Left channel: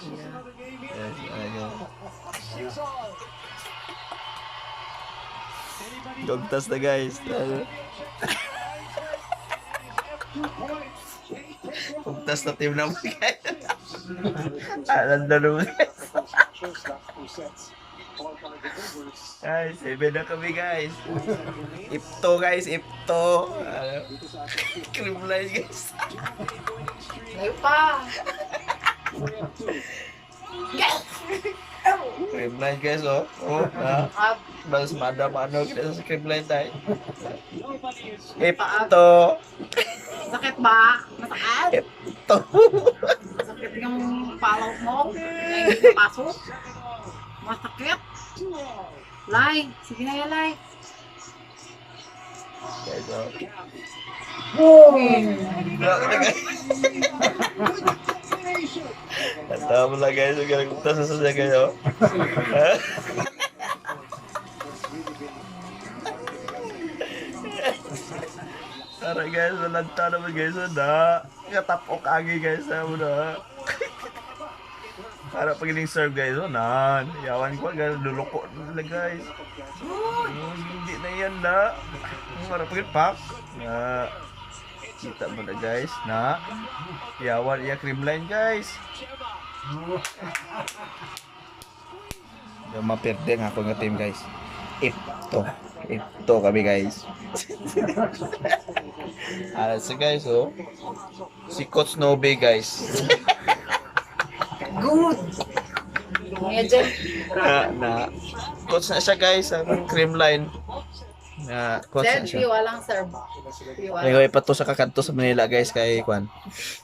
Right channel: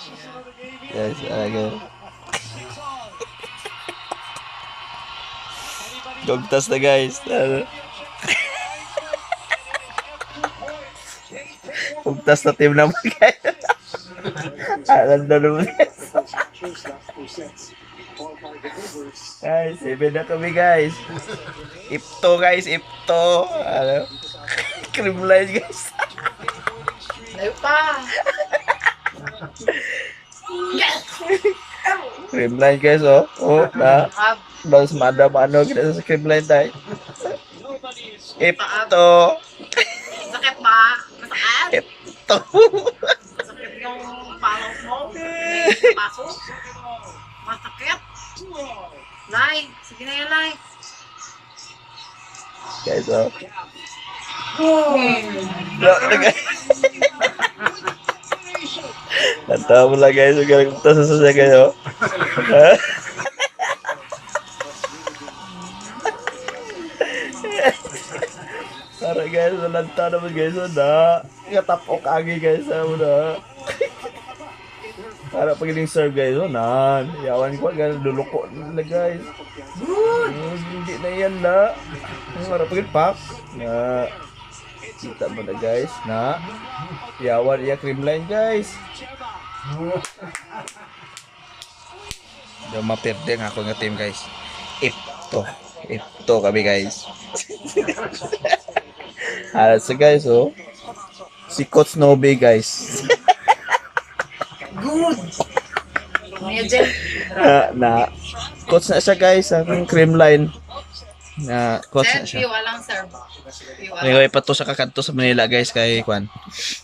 Guys, okay. Gogtas na guys. Gogtas na team naman guys. Alam na naman guys. Guys, 7 na kami guys. Ipto guys, ipto. Ano? Creamline guys. Layo pa. Creamline guys, oh. Oh, na. Balas madam ano kita sa creamline tayo. Ipto. Sakit ba? Masakit? Ipto. Sakit yung palaw mo? Pasok? Masakit? Lai, sige na yan, Lai. Guys, oh. Natawa mo lang guys, huwag ka sa sasya kayo. Tara guys, nalanta naman guys, na. Katapok agi guys, na. Para pag serve guys, na. Yawan ko, guys, duloko nila guys. Hindi na yan na. Para pag pak. Na. Kita mo na guys, na. Yawan iya creamline guys. Yung maperde nga ako nga team guys. Ito kami guys. So guys, oh. Si Coach Nobe guys. Good! Kuya Jen. Na coach na siya guys, ang creamline. Na coach na Jen, siya. piwa lang, sir. Piwa Ngayon lang. pa to sa kakanto sa Manila guys kay Kwan.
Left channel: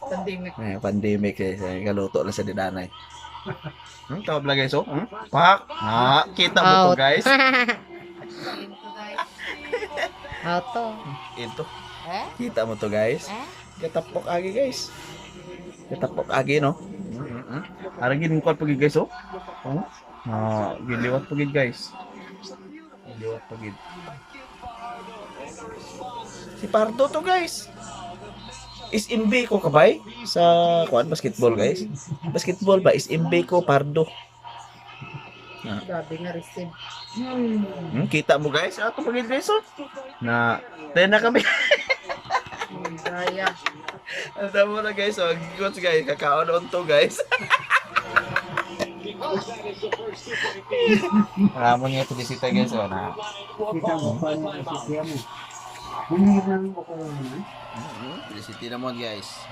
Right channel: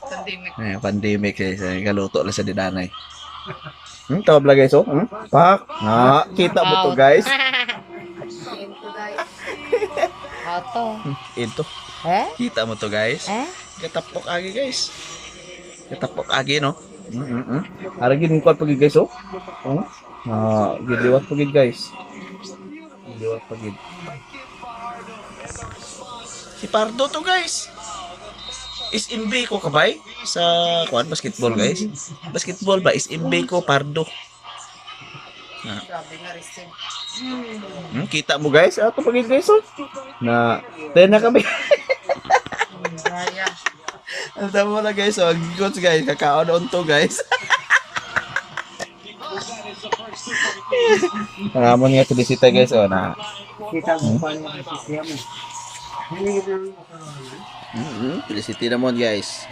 Pandemic. Pandemic guys, galuto lang sa dinanay. Tawag lang guys, oh. Pak. Kita mo to guys. Ito, guys. Auto. Ito. Eh? Kita mo to guys. Eh? Katapok agi guys. Katapok agi no. Aragin ko pag guys oh. Giliwat pag guys. Giliwat pag. Si Pardo to guys. Is MB ko kabay sa kuan basketball guys. Basketball ba is MB ko Pardo. Grabe nga receive. Kita mo guys, ato pag guys oh. Na, tayo na kami. Gaya. Ang tama na guys, oh. Goods guys, kakaon on to guys. Nangamon nga tulisita guys, oh na. Kita mo pa niya kasi siya mo. Hindi lang ako naman. Tulisiti naman guys.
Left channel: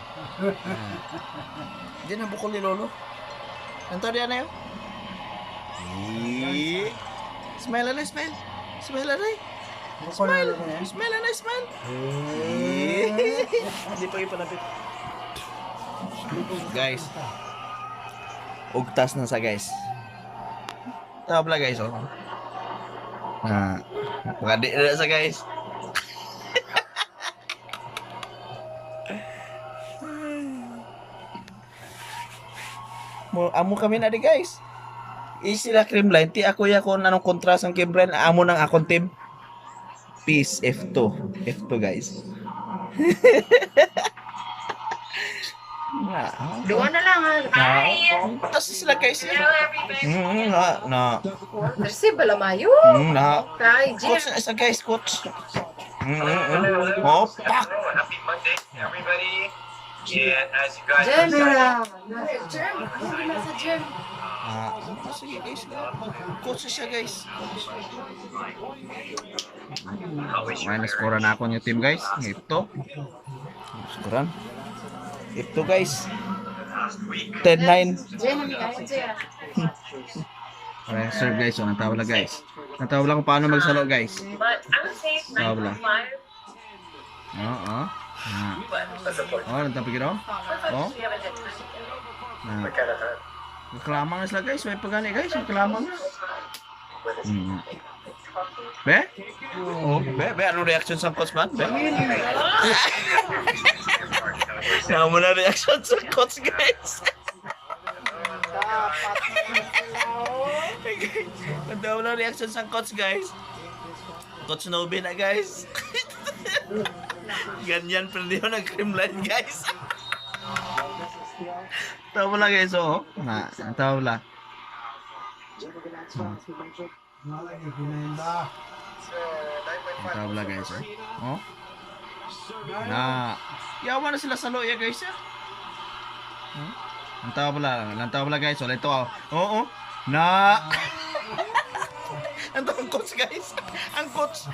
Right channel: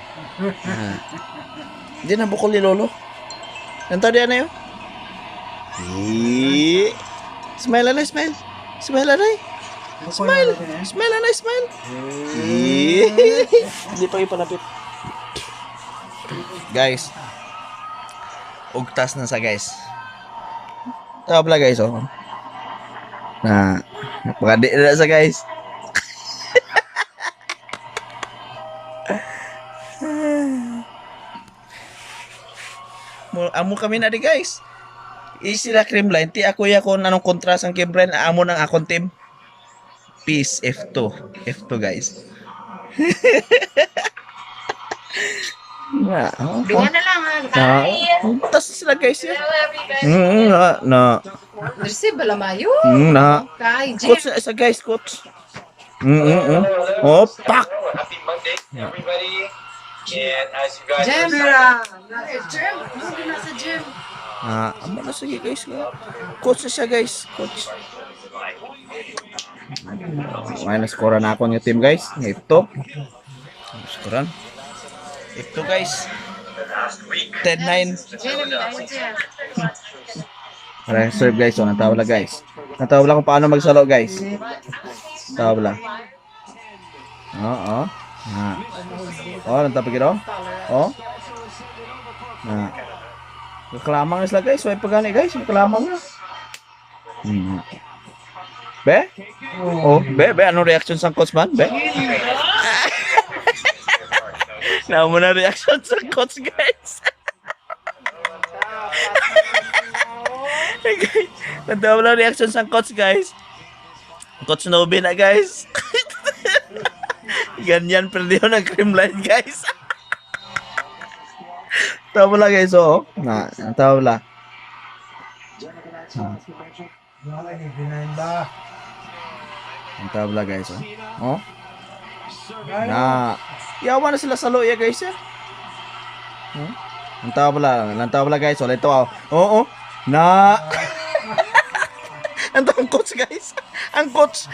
Hindi na bukol ni Lolo. Nanto diyan na yun. Smile na, smile. Smile na. Smile. Smile na, smile. Hindi pa ipalapit. Guys. Ugtas na sa guys. Tabla guys, oh. Napakadi na sa guys. Amo kami na di guys. Sila creamline, ti ako yakon anong kontras ang creamline, amo nang akong team. Peace F2. F2 guys. Doon na lang, ha? Tas sila guys. Receive bala mayo. Kay Jen. Coach sa guys, coach. Oh, pak. Happy Monday, everybody. And as you guys Jen. are Jen. Ano na sa Jen? Amo na sige guys. Coach na siya guys. Coach. May naskora na ako ng team guys. Ito. Naskoran. Ito guys. 10-9. Jen, kay Jen. Serve guys. So, natawala guys. Natawala kung paano magsalo guys. Natawala. Oo. Nantapigil ako. Oh. Nagkalamang sila guys. May pagani guys. Nagkalamang na. Be? Oh, be? Anong reaction sa coach man? Be? Naamo na reaction sa coach guys. Natawa na reaction sa coach guys. Coach Nobe na guys. Ganyan pero di ako nag-creamline guys. Tabla guys, oh. Na, ang tabla. Ang tabla guys, oh. Oh. Na, yawa na sila sa loya guys, eh. Oh. Ang tabla guys, oh. Ito, oh. Oo, oh. Na. Ang coach guys. Ang coach.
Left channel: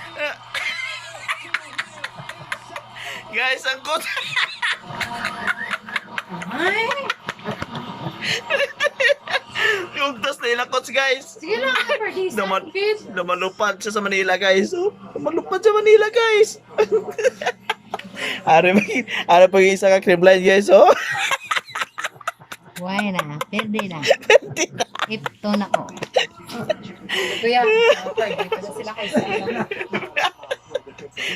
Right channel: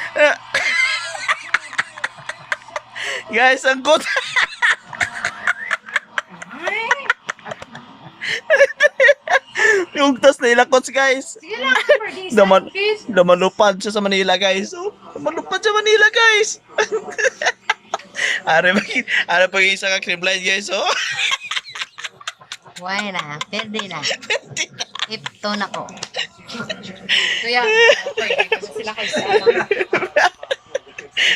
Guys, ang coach. Yung tas na ila coach guys. Sige lang, for this Naman, namalupad siya sa Manila guys. Oh, namalupad sa Manila guys. Are pag isa ka cream line guys, oh. Why na? Pwede na. Ipto na ko. Kuya, okay. Kasi sila kayo sa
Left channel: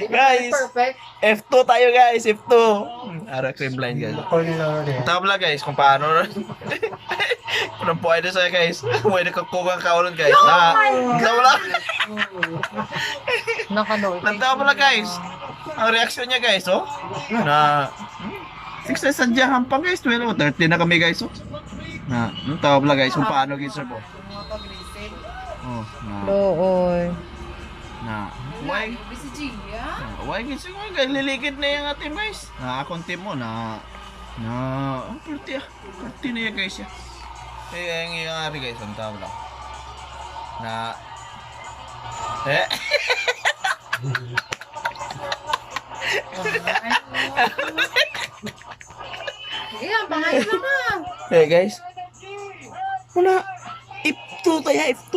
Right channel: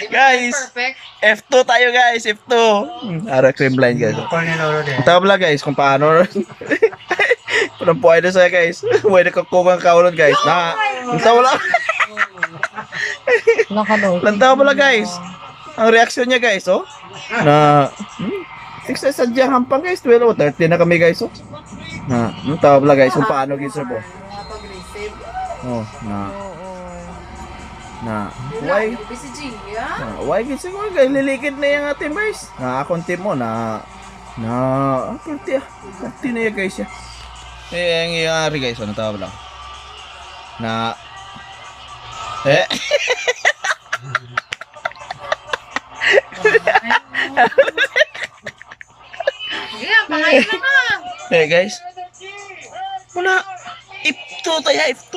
Guys, perfect. F2 tayo guys, F2. Ara cream line guys. Call ni Lolo din. Tabla guys kung paano. Kung pwede sa'yo guys. Pwede ka kugang kaulon guys. Na, tabla. Nakalong. Tabla guys. Ang reaksyon niya guys, oh. Na, sa sadyang hampang guys. 12 o 13 na kami guys, oh. Na, tabla guys kung paano guys po. Napag-receive. Oh, na, Oo. na. Why? Why? BCG, yeah? Why guys ko guys lilikid na yung ating guys. Na akong team mo na ang purti ah. Purti na yan guys ya. Ang iyari guys, ano tawag lang. Na Sige, pangayon na. guys. Wala. F2 tayo, F2.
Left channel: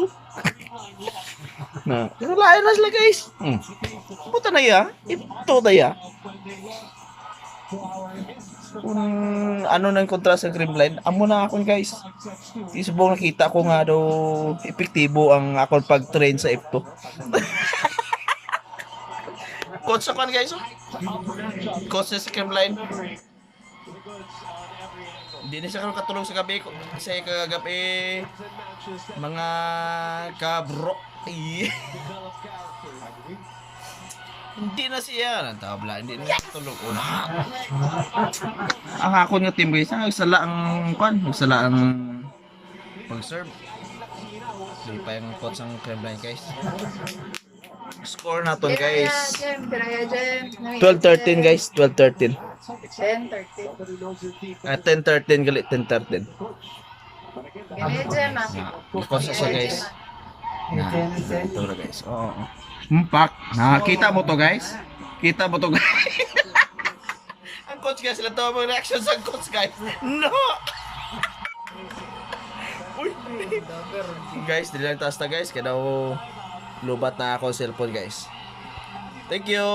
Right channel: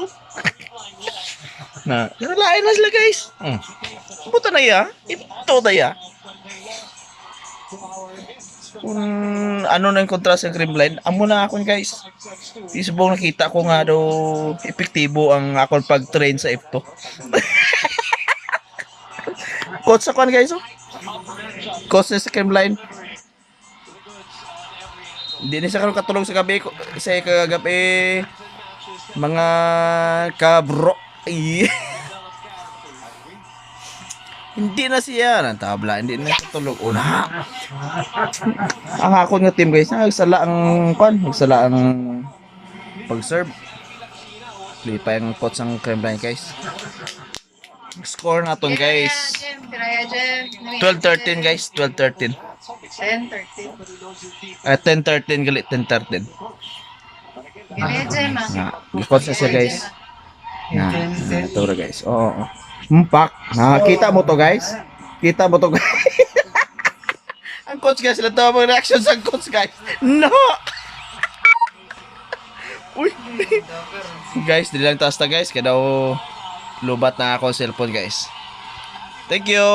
Na, nalain na sila guys. Puta na ya. F2 tayo. Kung ano na yung kontra sa cream line, amo na ako guys. Isubong nakita ko nga daw epektibo ang akong pag-train sa F2. Coach sa kan guys, oh. Coach na sa cream line. Hindi na siya karon katulog sa gabi ko. Isa kagabi mga kabro. Hindi na siya ng tabla, hindi na tulog una. Ang ako nga team guys, nagsala ang nagsala ang pag-serve. Hindi pa yung coach ang cream line guys. Score naton guys. Piraya Jem. 12-13 guys, 12-13. 10-13. 10-13 gali 10-13. Piraya Jem, ah. Coach na siya guys. Ito na guys. Oo. Mpak. Nakita mo to guys? Kita mo to guys? Ang coach guys, sila tawag ang reaction sa coach guys. No! Uy! Guys, di lang taas na guys. Kaya daw lubat na ako ang cellphone guys. Thank you!